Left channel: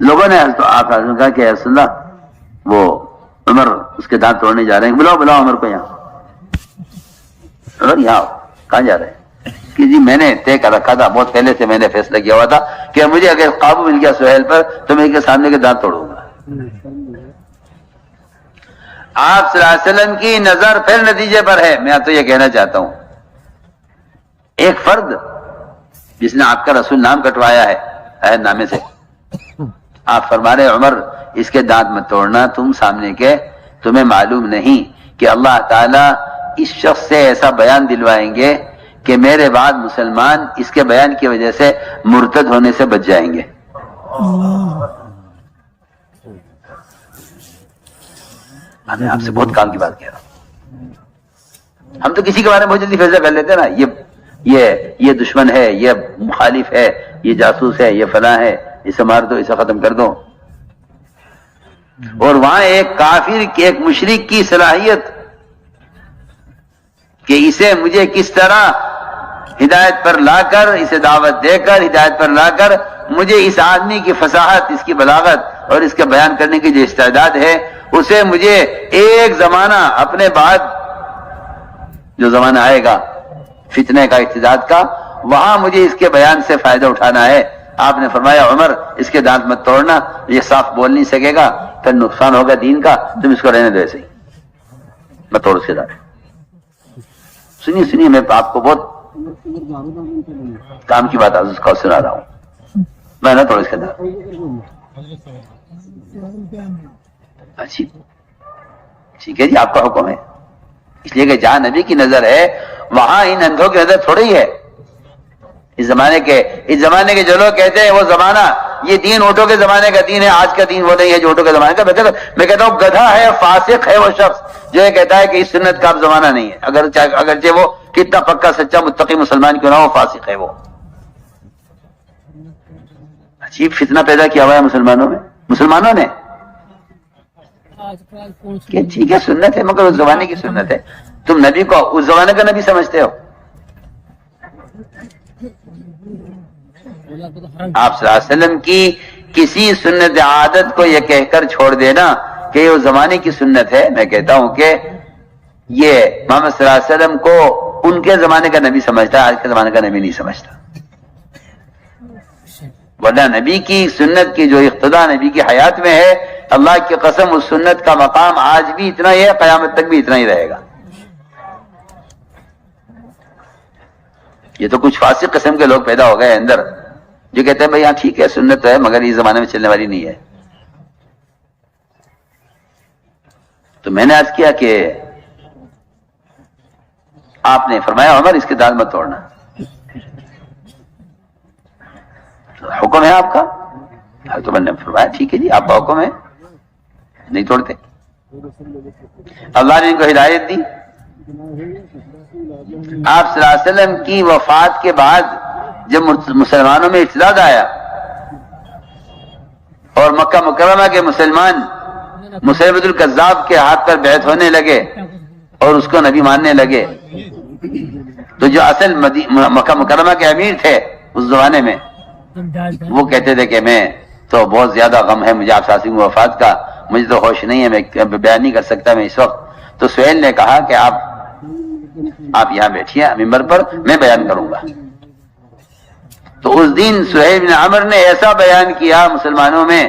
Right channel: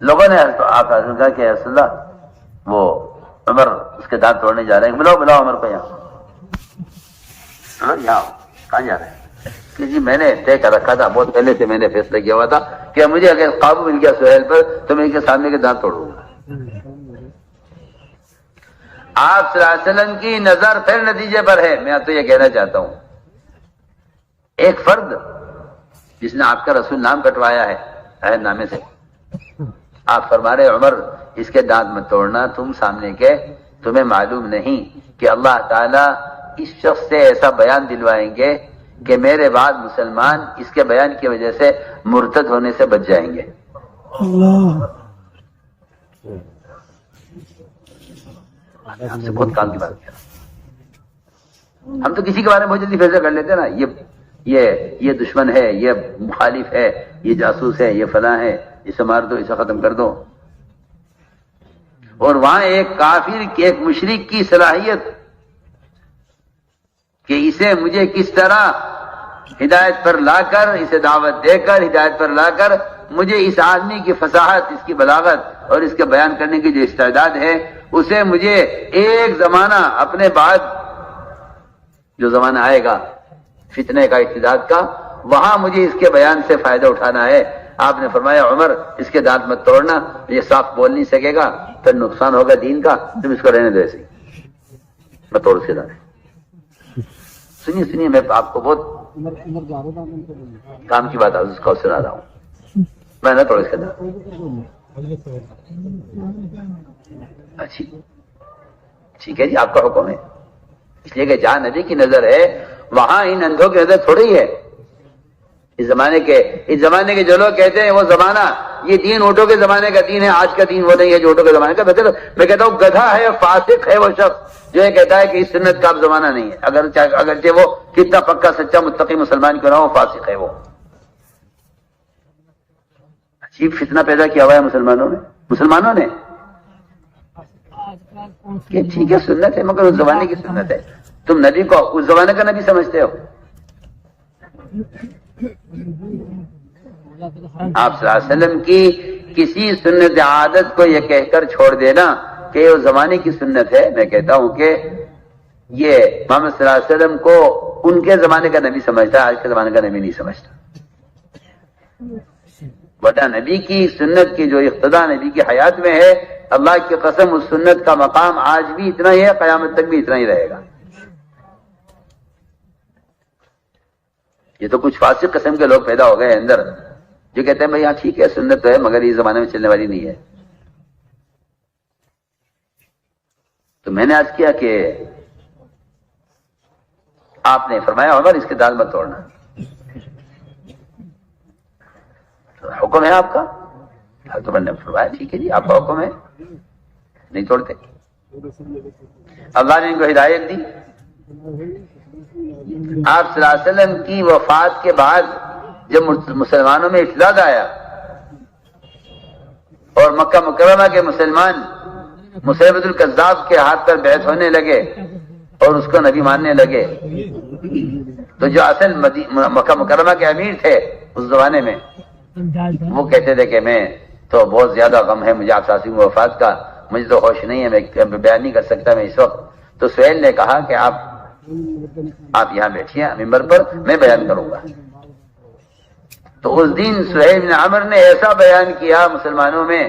لوگوں نے آپ نے کہا کہ رسول اللہ وہ عمر اس کے دانت توڑنے جا رہے ہیں، بلاؤ عمر کو یہاں. عمر یہاں کہاں جا رہے ہیں؟ کہ جی میں نے طے کر رکھا تھا، بہت پہلے سے میں نے فیصلہ کیا ہوا تھا کہ مجھے اگر قابو مل گیا سہیل پر تو میں کے سامنے کے دانت توڑوں گا. آپ صلی اللہ علیہ وسلم کی نظر پھر نتیجے پر ہے. میں تو یہ کہنا چاہتا ہوں، ایک فرد جس نے آپ کا رسول نام کٹوایا ہے عہد نامے سے، آپ فرما رہے عمر اس کے دانت مت توڑنا، تم سامنے کے تمہیں معلوم نہیں کہ اللہ تعالیٰ اس شخص سے ایسا بیان دلوائیں گے کہ میرے بعد مسلمان اس کے بیان کی وجہ سے مرتد ہونے سے بچ جائیں گے. اللہ میں آپ سے بہت کام کی بات کہہ رہا ہوں. ہم تو کسی کے بارے میں بہت جلدی فیصلہ کر لیتے ہیں نا، یہ دشمن ہے، یہ مخالف ہے، یہ جاسوس ہے، یہ فلاں ہے، اسے مار دو، اسے ختم کر دو. اور وہاں ایک کافر کی، ایک مشرک کی صلاحیت کہ اسے مجھے کس طرح ہدایت پر لا کر، اسے دعوت دے کر ہدایت پر لا کر مجھے اس آدمی کی فصاحت، اس کی بلاغت اور اس کے بیان کرنے کی جو استعداد ہے، اسے مجھے ایک زمانہ اپنے بعد جو زمانہ آئے گا فتنے کا، ارتداد کا، وہاں مجھے اس کے بیان سے فائدہ اٹھانا ہے. آپ نے فرمایا عمر اس کے دانت مت توڑنا، یہ صاف بول نہیں سکے گا، پھر نقصان ہوگا دین کا، تم اس کو رہنے دو ایسے ہی، مت توڑ اس کے دانت. سنیے میں آپ کو بہت کام کی بات اس کو سنا رہا ہوں. میں نہ توڑ اس کے دانت. اچھی ٹھیک ہے جی، آپ کا حکم ہے. اس لیے کہ جہاں نبی کی نظر ہے وہاں ان اندھوں کی نظر تھوڑی ہی ہے. اس زمانے کے جو لوگ کہتے ہیں وہ زمانہ، یہ دین اونٹوں کے زمانے کا دین ہے، آج کا دین وہ نہیں ہے جو اونٹوں کے زمانے کا. میں کہتا ہوں گدھا ہے، فاسق ہے وہ شخص جو یہ کہتا ہے کہ اس سنت کا اب زمانہ نہیں ہے، اگرچہ وہ کتنا پکا سچا متقی مسلمان کیوں نہ وہ فاسق ہے. وہ عجیب فتنہ پیدا کیا ہوا ہے مسلمانوں نے کہ ٹھیک ہے سنت ہے مگر اس زمانے کی سنت ہے. تم نبی کو اس زمانے کا نبی سمجھتے ہو. آپ صلی اللہ علیہ وسلم کی کسی سنت عادت کو یہ کہہ کر چھوڑ دینا کہ یہ اس زمانے کی سنت ہے، میں کہتا ہوں کہ یہ محمد صلی اللہ علیہ وسلم کو ان کے زمانے کا نبی سمجھتا ہے، آج کے زمانے کا نبی نہیں سمجھتا. ورنہ نبی کی سنت کی جو اقتداء نبی کی حیات میں ہے، اللہ کی قسم اس سنت کا مقام آج بھی اتنا ہی ہے، قیامت تک بھی اتنا ہی رہے گا. یہ تو کچھ فاسق قسم کے لوگ پیدا ہو گئے اندر جو کہتے ہیں بھائی ہاں ٹھیک ہے سنت ہے مگر اس زمانے میں چلنے والی نہیں ہے. تو میں نے عرض کیا کہ آپ نے فرمایا عمر اس کے دانت مت توڑنا. حکم ہے آپ کا؟ تو میں نے فرمایا ٹھیک ہے جی آپ کا حکم ہے، نہیں توڑتے. اللہ نے ان کو ہدایت دی. آپ صلی اللہ علیہ وسلم کی وفات کے بعد جب مسلمانوں میں ارتداد آیا اور مکہ مکرمہ کے مسلمان مسیلمۃ الکذاب کے ہاتھ پر بیعت ہونے لگے اور اس کو نبی ماننے لگے، تو جو اصل مکہ مکرمہ کے امیر تھے اس زمانے میں وہ کہتے تھے کہ میں تو بہت زیادہ غم ہے مجھے آپ صلی اللہ علیہ وسلم کی وفات کا، مجھے تو ہوش نہیں ہے، میں بیان نہیں کر سکتا میں اس وقت. تو سہیل نے کہا کہ آپ یہاں بیٹھیے ممبر پر، میں بیان کروں گا. تو اس دن سہیل بن عمر نے ایسا بیان کیا مسلمانوں میں،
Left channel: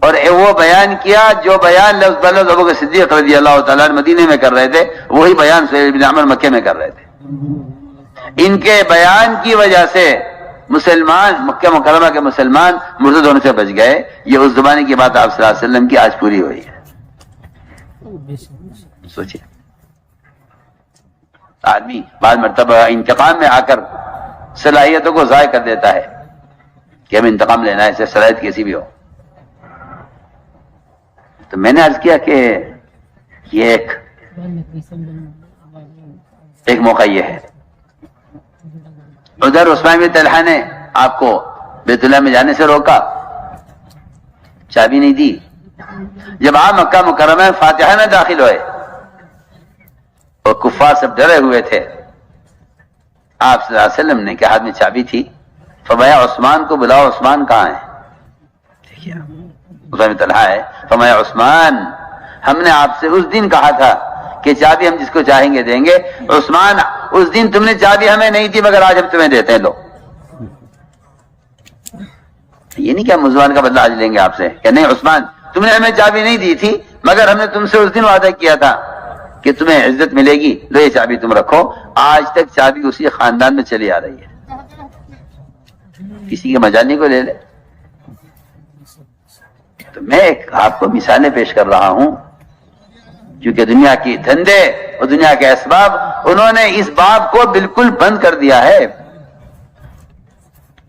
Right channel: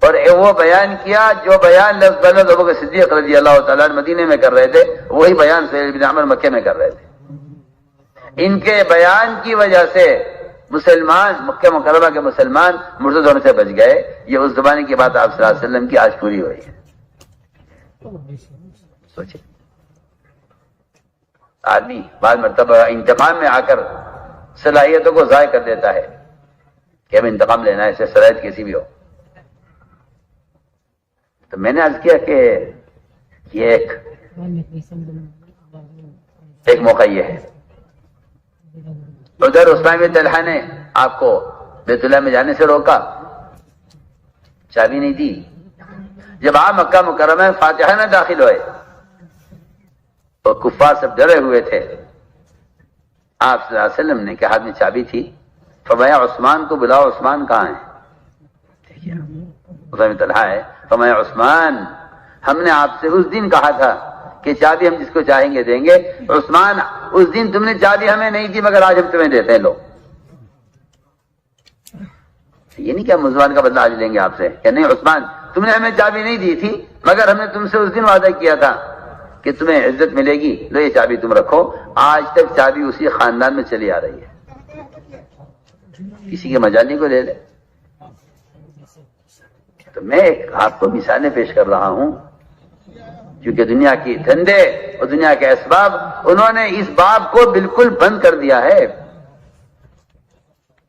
اور وہ بیان کیا جو بیان لفظ بلفظ ابو بکر صدیق رضی اللہ تعالیٰ مدینے میں کر رہے تھے، وہی بیان سہیل بن عمر مکے میں کر رہے تھے. ان کے بیان کی وجہ سے مسلمان، مکہ مکرمہ کے مسلمان مرتد ہونے سے بچ گئے. یہ اس زمانے کی بات آپ صلی اللہ علیہ وسلم کی آج پوری ہوئی ہے. سوچیں آدمی بعض مرتبہ انتقام میں آ کر صلاحیتوں کو ضائع کر دیتا ہے کہ اب انتقام لینا ہے، اسے صلاحیت کیسی بھی ہو. تو میں نے عرض کیا کہ یہ ایک موقع یہ ہے. ادھر عثمان بن طلحہ نے آپ کو بیت اللہ میں جانے سے روکا، چابی نہیں دی. جب آپ مکہ مکرمہ میں فاتحہ میں داخل ہوئے اور کفار سب ڈرے ہوئے تھے، آپ صلی اللہ علیہ وسلم نے کہ ہاتھ میں چابی تھی، فرمایا عثمان کو بلاؤ. عثمان کہاں ہے؟ کیا. عثمان بن طلحہ ہے، فرمایا عثمان ہم نے آپ سے اس دن کہا تھا کہ چابی ہم جس کو چاہیں گے دیں گے. عثمان اس دن تم نے چابی ہمیں نہیں دی مگر آج ہم تمہیں دیتے ہیں. لو یہ نہیں کہ ہم عثمان کا بدلہ آج لیں گے آپ سے، کہ نہیں عثمان تم نے ہمیں چابی نہیں دی تھی مگر ہم نے تم سے اس دن وعدہ کیا تھا کہ تمہیں عزت ملے گی، لو یہ چابی تم رکھو. آج تک چابی اسی خاندان میں چلی آ رہی ہے، کسی کے مجانی کو لے لے. تو میں آپ کو مثالیں پیش کر رہا ہوں کیونکہ دنیا کی دھندے اور دنیا کے اسباب انہوں نے اس باب کو بالکل بند کر دیا ہے.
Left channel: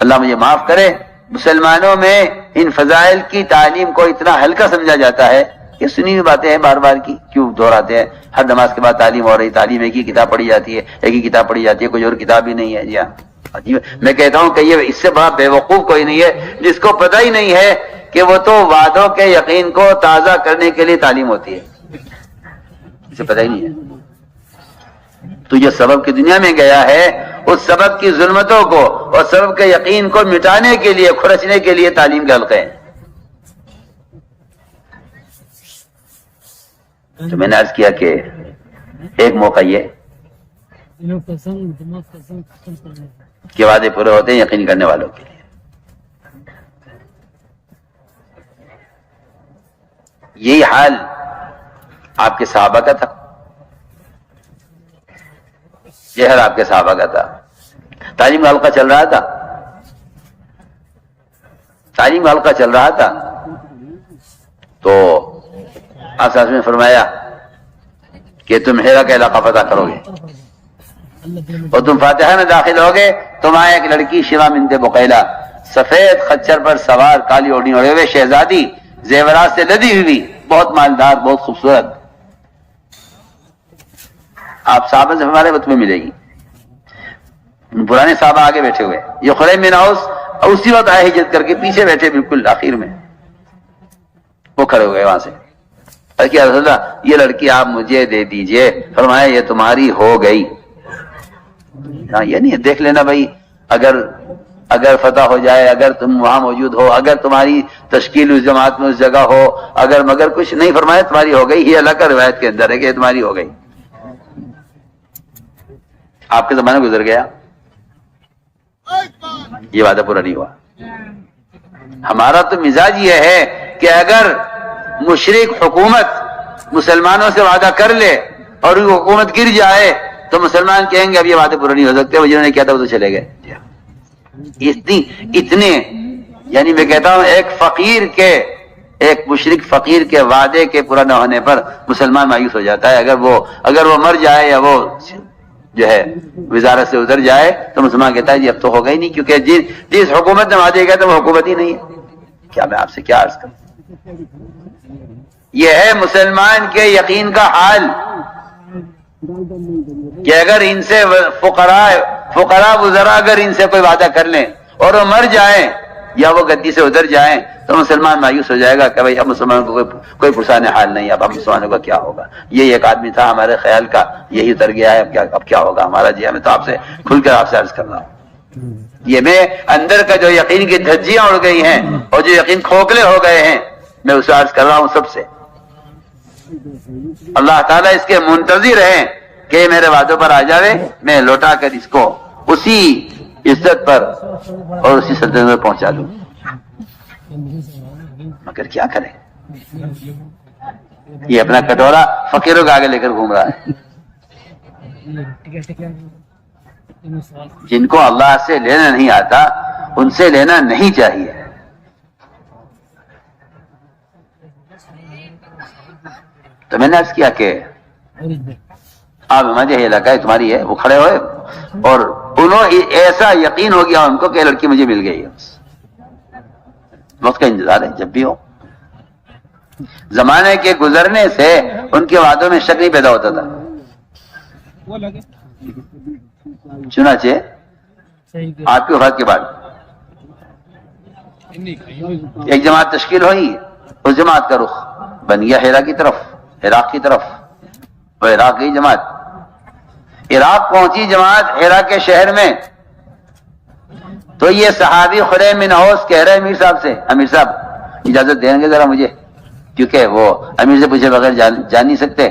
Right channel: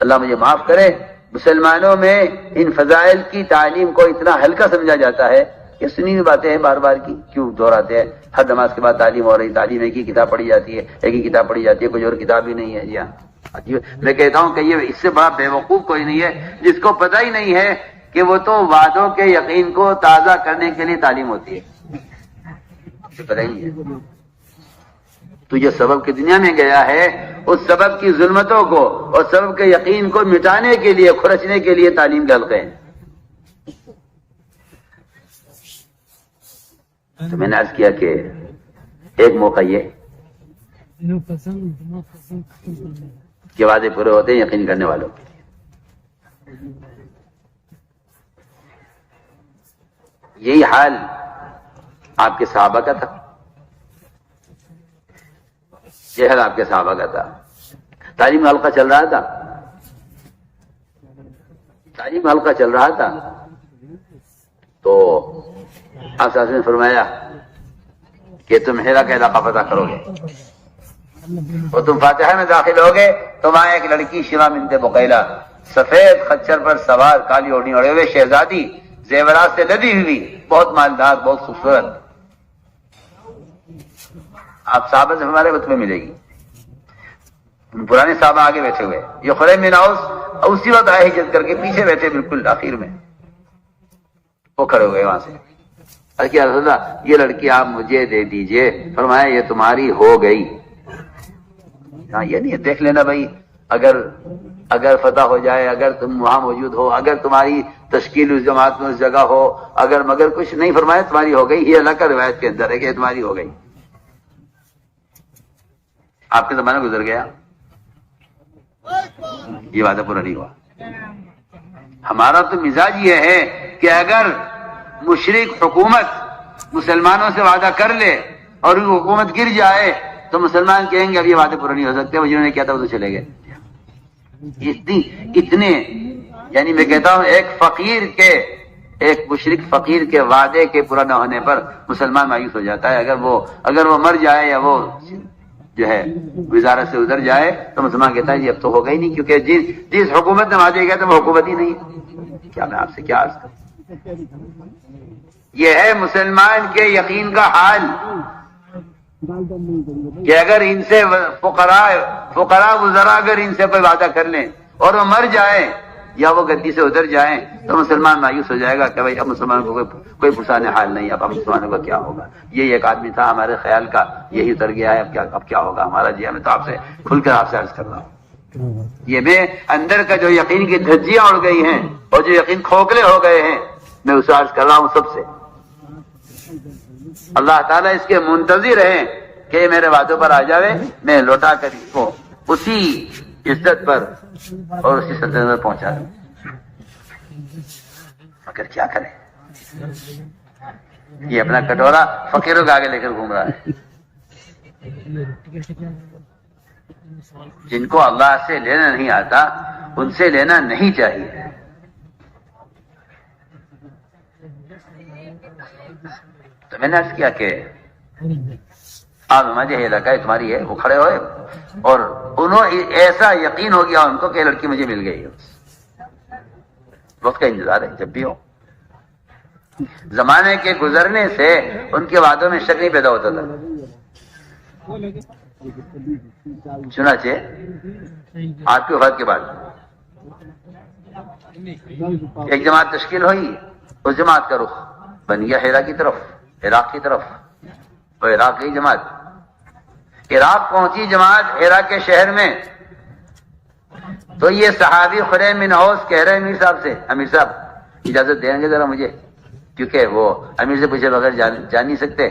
اللہ مجھے معاف کرے، مسلمانوں میں ان فضائل کی تعلیم کو اتنا ہلکا سمجھا جاتا ہے کہ سنی ہوئی باتیں ہیں بار بار کی کیوں دہراتے ہیں. ہر نماز کے بعد تعلیم ہو رہی، تعلیم ایک ہی کتاب پڑھی جاتی ہے، ایک ہی کتاب پڑھی جاتی ہے، کوئی اور کتاب ہی نہیں ہے. جی ہاں، میں کہتا ہوں کہ یہ اس سے بڑا بے وقوف کوئی نہیں ہے جس کو پتہ ہی نہیں ہے کہ وہ تو وعدوں کے یقین کو تازہ کرنے کے لیے تعلیم ہوتی ہے، اسے پتہ ہی نہیں ہے. تو جو سبب کی دنیا میں گیا ہے اس سبب کی ظلمتوں کو اور سبب کے یقین کو مٹانے کے لیے، کھرچنے کے لیے تعلیم کے حلقے ہیں. تو میں نے عرض کیا کہ ایک موقع یہ کہ وعدے پورے ہوتے ہیں یقین کرنے والوں کے لیے. یہی حال آپ کے صحابہ کا تھا، یہ حال آپ کے صحابہ کا تھا. تعلیم کا حلقہ چل رہا تھا، تعلیم کا حلقہ چل رہا تھا تو آپ صاحب نے فرمایا کہ تم ہیرا کا علاقہ پتہ کرو گے اور تم فاتحہ میں داخل ہوگے. تمہارے ایک لڑکی شیوا بنت بقیلہ سفید خچر پر سوار، کالی اوڑھنی اوڑھے ہوئے، شہزادی، زیورات سے لدی ہوئی، بہت مالدار، بہت خوبصورت. آپ صحابہ سے ہمارے وقت میں ملے گی. پرانے صحابہ آگے بیٹھے ہوئے، یہ خریم بن اوس اسی وقت آئے ہجرت کر کے، پیچھے بیٹھے بالکل آخر میں. وہ کھڑے ہو گئے وہاں سے، کہ رسول اللہ یہ لڑکی آپ مجھے دے دیجئے. فرمایا یہ تمہاری ہو گئی. یہ نہیں دیکھ لینا بھائی، اگر فتح ہو جائے، اگر تم وہاں موجود ہو، اگر تمہاری تشکیل اس جماعت میں اس جگہ ہو، اگر مگر کچھ نہیں. فرمایا تمہاری ہو گئی. یہ اللہ کا روایت کے اندر ہے کہ تمہاری ہو گئی. آپ کا زمانہ گزر گیا، یہ وعدہ پورا نہیں ہوا. ہمارا تو مزاج یہ ہے کہ اگر مشرک حکومت مسلمانوں سے وعدہ کر لے اور وہ حکومت گر جائے تو مسلمان کہیں گے اب یہ وعدے پورے نہیں ہو سکتے، وہ جنہوں نے کیا تھا وہ تو چلے گئے. اتنے یعنی میں کہتا ہوں ایک مشرک فقیر کے وعدے کے پورا نہ ہونے پر مسلمان مایوس ہو جاتا ہے. اگر وہ مر جائے یا وہ جو ہے وزارت سے ادھر جائے تو مسلمان کہتا ہے جی اب تو ہوگا ہی نہیں، کیونکہ جس حکومت نے وعدے کیا تو وہ حکومت ہی نہیں ہے. کیا میں آپ سے کیا عرض کروں. یہ ہے مسلمان کے یقین کا حال کہ اگر ان سے فقراء وزراء اگر ان سے کوئی وعدہ کر لیں اور وہ مر جائیں یا وہ گدی سے ادھر جائیں تو مسلمان مایوس ہو جائے گا کہ بھائی اب مسلمانوں کو کوئی پرسان حال نہیں، اب مسلمانوں کا کیا ہوگا. یہ ایک آدمی تھا ہمارے خیال کا، یہی اتر گیا ہے، اب کیا ہوگا ہمارا. جی ہمیں تو آپ سے کھل کر آپ سے عرض کرنا ہوں، یہ میں اندر کا جو یقین کی دھجیاں اڑ گئی ہیں اور جو یقین کھوکھلے ہو گئے ہیں میں اسے عرض کر رہا ہوں سب سے. اللہ تعالیٰ اس کے منتظر ہیں کہ میرے وعدوں پر آ جاوے، میں لوٹا کر اس کو اسی عزت پر اور اسی سطح میں پہنچا دوں. مگر کیا کرے، یہ اپنا کٹورا فقیروں کے آگے لے کر گھوم رہا ہے. جن کو اللہ سے لینا نہیں آتا ان سے لینا نہیں چاہیے. تو میں نے عرض کیا کہ آپ مجھے یہ علاقہ ہے تمہاری ہے. وہ کھڑے ہوئے اور انہوں ایسا یقین ہو گیا ان کو کہ لڑکی مجھے مل گئی. وقت کا انتظار ہے جب بھی ہو. زمانے کے گزرنے سے ان کے وعدوں میں شک نہیں پیدا ہوتا تھا. چنانچہ آپ کی وفات کے بعد ایک جماعت تشکیل ہوئی. اس جماعت کا رخ بن گیا ہیرا کی طرف، عراق کی طرف. اور عراق کی جماعت عراق پہنچی جماعت ہیرا کے شہر میں. تو یہ صحابی خریم بن اوس کہہ رہے امیر صاحب سے، امیر صاحب اجازت دیں گے ذرا مجھے؟ کیونکہ وہ امیر سے پوچھے بغیر جان نہیں سکتے،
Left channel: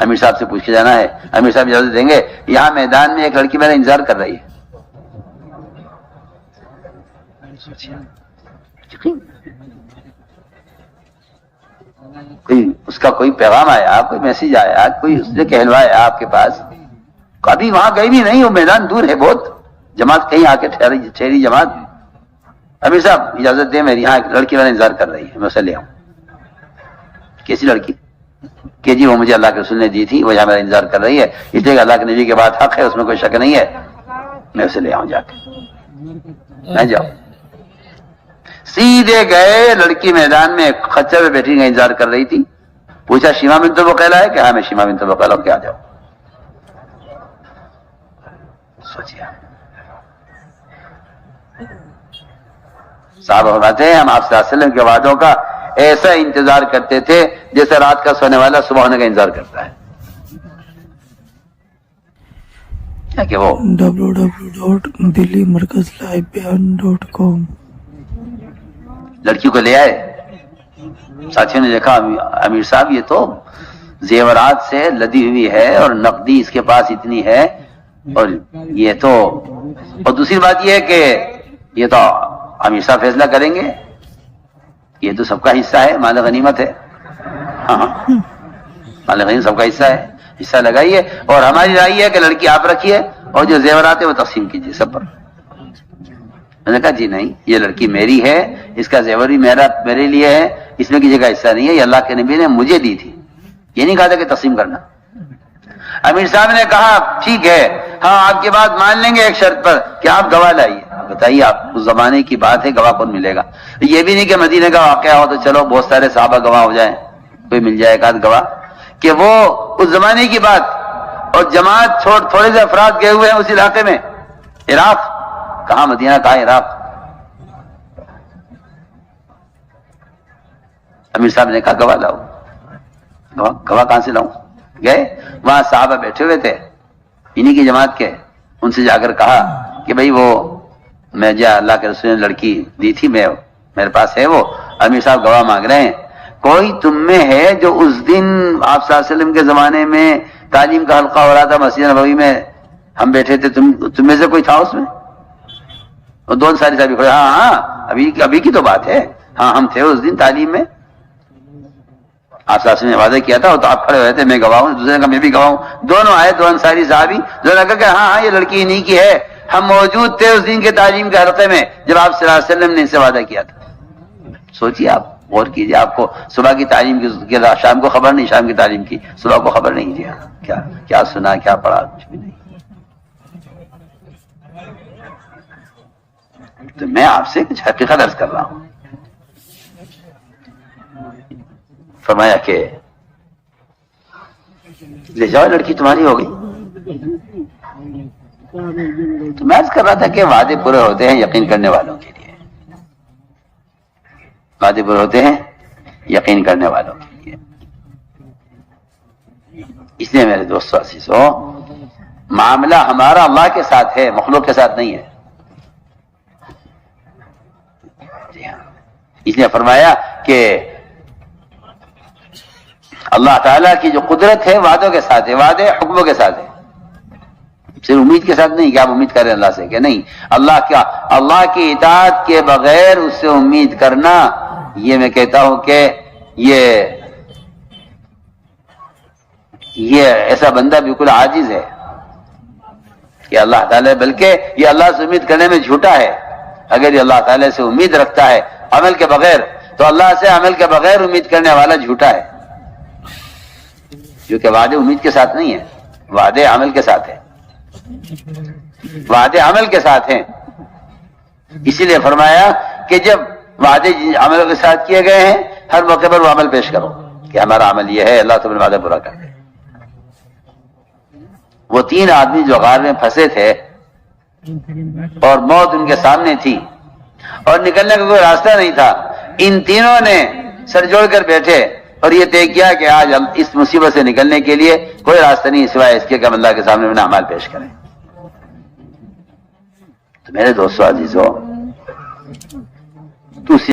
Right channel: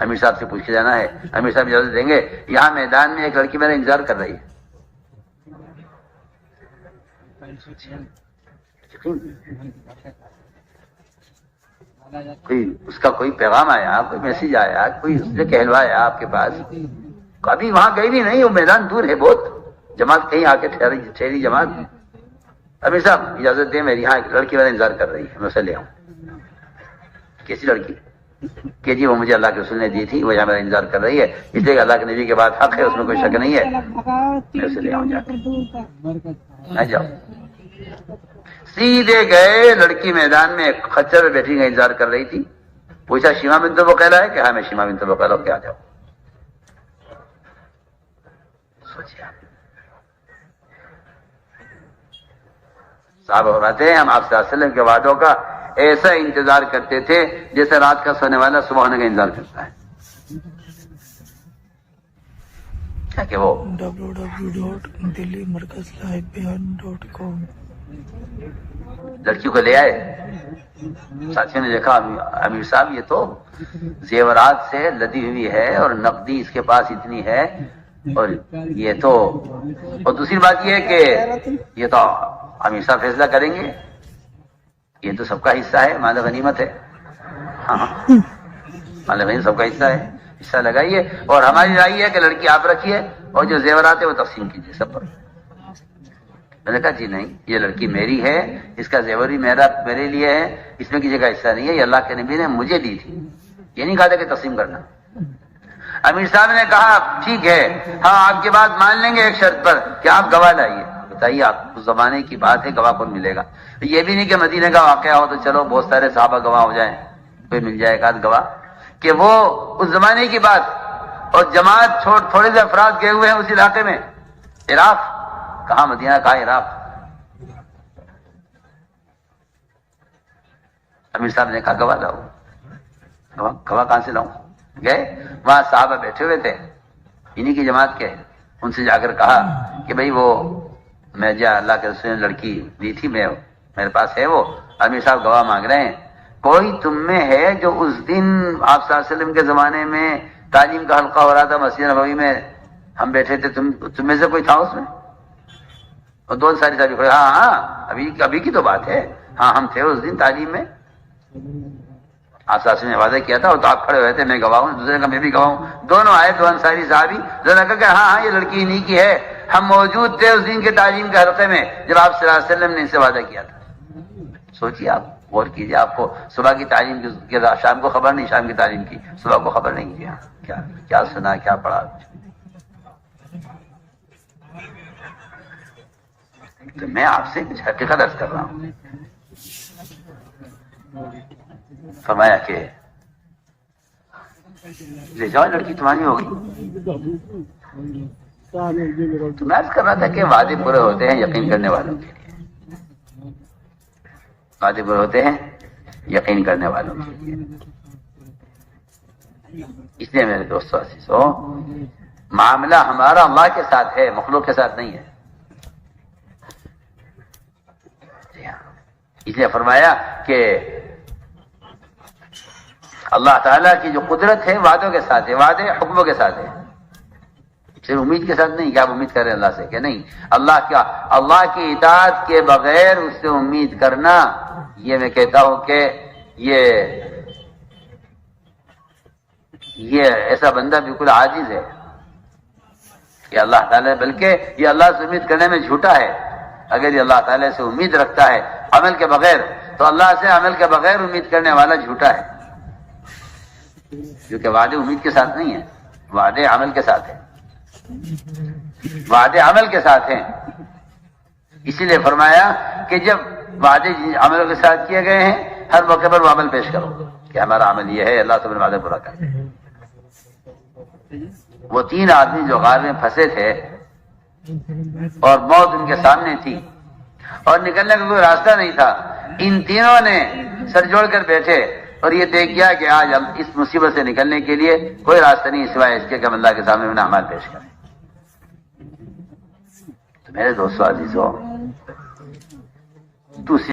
امیر صاحب سے پوچھ کے جانا ہے. امیر صاحب اجازت دیں گے؟ یہاں میدان میں ایک لڑکی میرا انتظار کر رہی ہے. اس کا کوئی پیغام آیا، کوئی میسج آیا، کوئی اس نے کہلوایا آپ کے پاس؟ کبھی وہاں گئی بھی نہیں، وہ میدان دور ہے بہت، جماعت کہیں آ کے ٹھہری جماعت. امیر صاحب اجازت دیں، میری یہاں ایک لڑکی میرا انتظار کر رہی ہے، میں اسے لے آؤں. کیسی لڑکی؟ کہ جی وہ مجھے اللہ کے رسول نے دی تھی، وہ یہاں میرا انتظار کر رہی ہے، اس لیے اللہ کے نبی کے بعد حق ہے، اس میں کوئی شک نہیں ہے، میں اسے لے آؤں جا کے. میں جاؤں. سیدھے گئے، لڑکی میدان میں خچر پہ بیٹھی کا انتظار کر رہی تھی. پوچھا شیما بنت وقیلہ ہے؟ کہ ہاں میں شیما بنت وقیلہ ہوں، کیا جاؤ. سوچیے صاحب فرماتے ہیں ہم آپ صلی اللہ علیہ وسلم کے وعدوں کا ایسا انتظار کرتے تھے جیسے رات کا سونے والا صبح ہونے کا انتظار کرتا ہے. کہ وہ www.delhimarkazlivebeyan.com لڑکی کو لے آئے. ساتھیوں نے دیکھا امیر صاحب یہ تو زیورات سے لدی ہوئی ہے اور نقدی اس کے پاس اتنی ہے، اور یہ تو، اور دوسری بات یہ ہے کہ یہ تو امیر صاحب فیصلہ کریں گے، یہ تو سب کا حصہ ہے، مال غنیمت ہے. ہاں مال غنیمت سب کا حصہ ہے، حصہ لگائیے، اور ہماری رائے ہے کہ لڑکی آپ رکھیے اور جو زیورات ہے وہ تقسیم کیجیے سب پر. میں نے کہا جی نہیں، یہ لڑکی میری ہے، اس کا زیور بھی میرے لیے ہے، اس میں کسی کا حصہ نہیں ہے، یہ اللہ کے نبی نے مجھے دی تھی، یہ نہیں کہا تھا کہ تقسیم کرنا. امیر صاحب نے کہا ٹھیک ہے، ہاں آپ کی بات مان لیں گے ایک شرط پر کہ آپ گواہ لائیے. بتائیے آپ اس زمانے کی بات ہے، گواہ کون ملے گا؟ یہ بھی نہیں کہ مدینے کا واقعہ ہو تو چلو بہت سارے صحابہ گواہ ہو جائیں، کوئی مل جائے ایک آدھ گواہ، کہ وہ اس زمانے کی بات. اور جماعت چھوڑ تھوڑے سے افراد گئے ہوئے ہیں اس علاقے میں، عراق، کہاں مدینہ کہاں عراق. امیر صاحب نے کہا گواہ لاؤ. گواہ کہاں سے لاؤں؟ گئے وہاں صحابہ بیٹھے ہوئے تھے انہی کی جماعت کے، ان سے جا کر کہا کہ بھئی وہ میں جو اللہ کے رسول نے لڑکی دی تھی میرے پاس ہے وہ، امیر صاحب گواہ مانگ رہے ہیں. کوئی تم میں ہے جو اس دن آپ صلی اللہ علیہ وسلم کے زمانے میں تعلیم کا حلقہ ہو رہا تھا مسجد نبوی میں، ہم بیٹھے تھے، تم میں سے کوئی تھا اس میں؟ اور دو انصاری صاحب کھڑے، ہاں ہاں ابھی کی تو بات ہے، ہاں ہم تھے اس دن تعلیم میں، آپ صلی اللہ علیہ وسلم نے وعدہ کیا تھا، تو آپ کھڑے ہوئے تھے، میں گواہ ہوں. دوسرے نے کہا میں بھی گواہ ہوں. دونوں آئے، دو انصاری صحابی، دونوں نے کہا کہ ہاں یہ لڑکی انہی کی ہے، ہم موجود تھے اس دن کے تعلیم کے حلقے میں جب آپ صلی اللہ علیہ وسلم نے ان سے وعدہ کیا تھا. سوچیے آپ، غور کیجیے، آپ کو صبح کی تعلیم کی شام کو خبر نہیں، شام کی تعلیم کی صبح کو خبر نہیں، جی کیا سنا کیا پڑھا کچھ بھی نہیں. تو میں آپ سے کچھ حقیقت عرض کر رہا ہوں. فرمایا کہ لے جاؤ لڑکی تمہاری ہو گئی. تو میں عرض کر رہا تھا کہ وعدے پورے ہوتے ہیں یقین کرنے والوں کے لیے، وعدے پورے ہوتے ہیں یقین کرنے والوں کے لیے. اس لیے میرے دوستو عزیزو، معاملہ ہمارا اللہ کے ساتھ ہے، مخلوق کے ساتھ نہیں ہے. اس نے فرمایا کہ اللہ تعالیٰ کی جو قدرت ہے وعدوں کے ساتھ ہے، وعدے حکموں کے ساتھ ہے، صرف امید کے ساتھ نہیں کہ آپ امید کریں اللہ سے، کہ نہیں، اللہ کی اطاعت کے بغیر اس سے امید کرنا، یہ میں کہتا ہوں کہ یہ ایسا بندہ بالکل عاجز ہے کہ اللہ تعالیٰ، بلکہ یہ اللہ سے امید کرنے میں جھوٹا ہے. اگر یہ اللہ تعالیٰ سے امید رکھتا ہے عمل کے بغیر، تو اللہ سے عمل کے بغیر امید کرنے والا جھوٹا ہے، کیونکہ وعدے امید کے ساتھ نہیں ہیں، وعدے عمل کے ساتھ ہیں، وعدے عمل کے ساتھ ہیں. اسی لیے فرمایا کہ جب وعدے عمل کے ساتھ کیے گئے ہیں، ہر موقع پر وہ عمل پیش کرو کہ ہمارا عمل یہ ہے، اللہ تمہیں وعدہ پورا کر. وہ 3 آدمی جو غار میں پھنسے تھے اور موت ان کے سامنے تھی اور نکلنے کا کوئی راستہ نہیں تھا، ان تینوں نے سر جوڑ کر بیٹھے اور یہ طے کیا کہ آج ہم اس مصیبت سے نکلنے کے لیے کوئی راستہ نہیں سوائے اس کے کہ ہم اللہ کے سامنے اپنا اعمال پیش کریں. تو میرے دوستو عزیزو،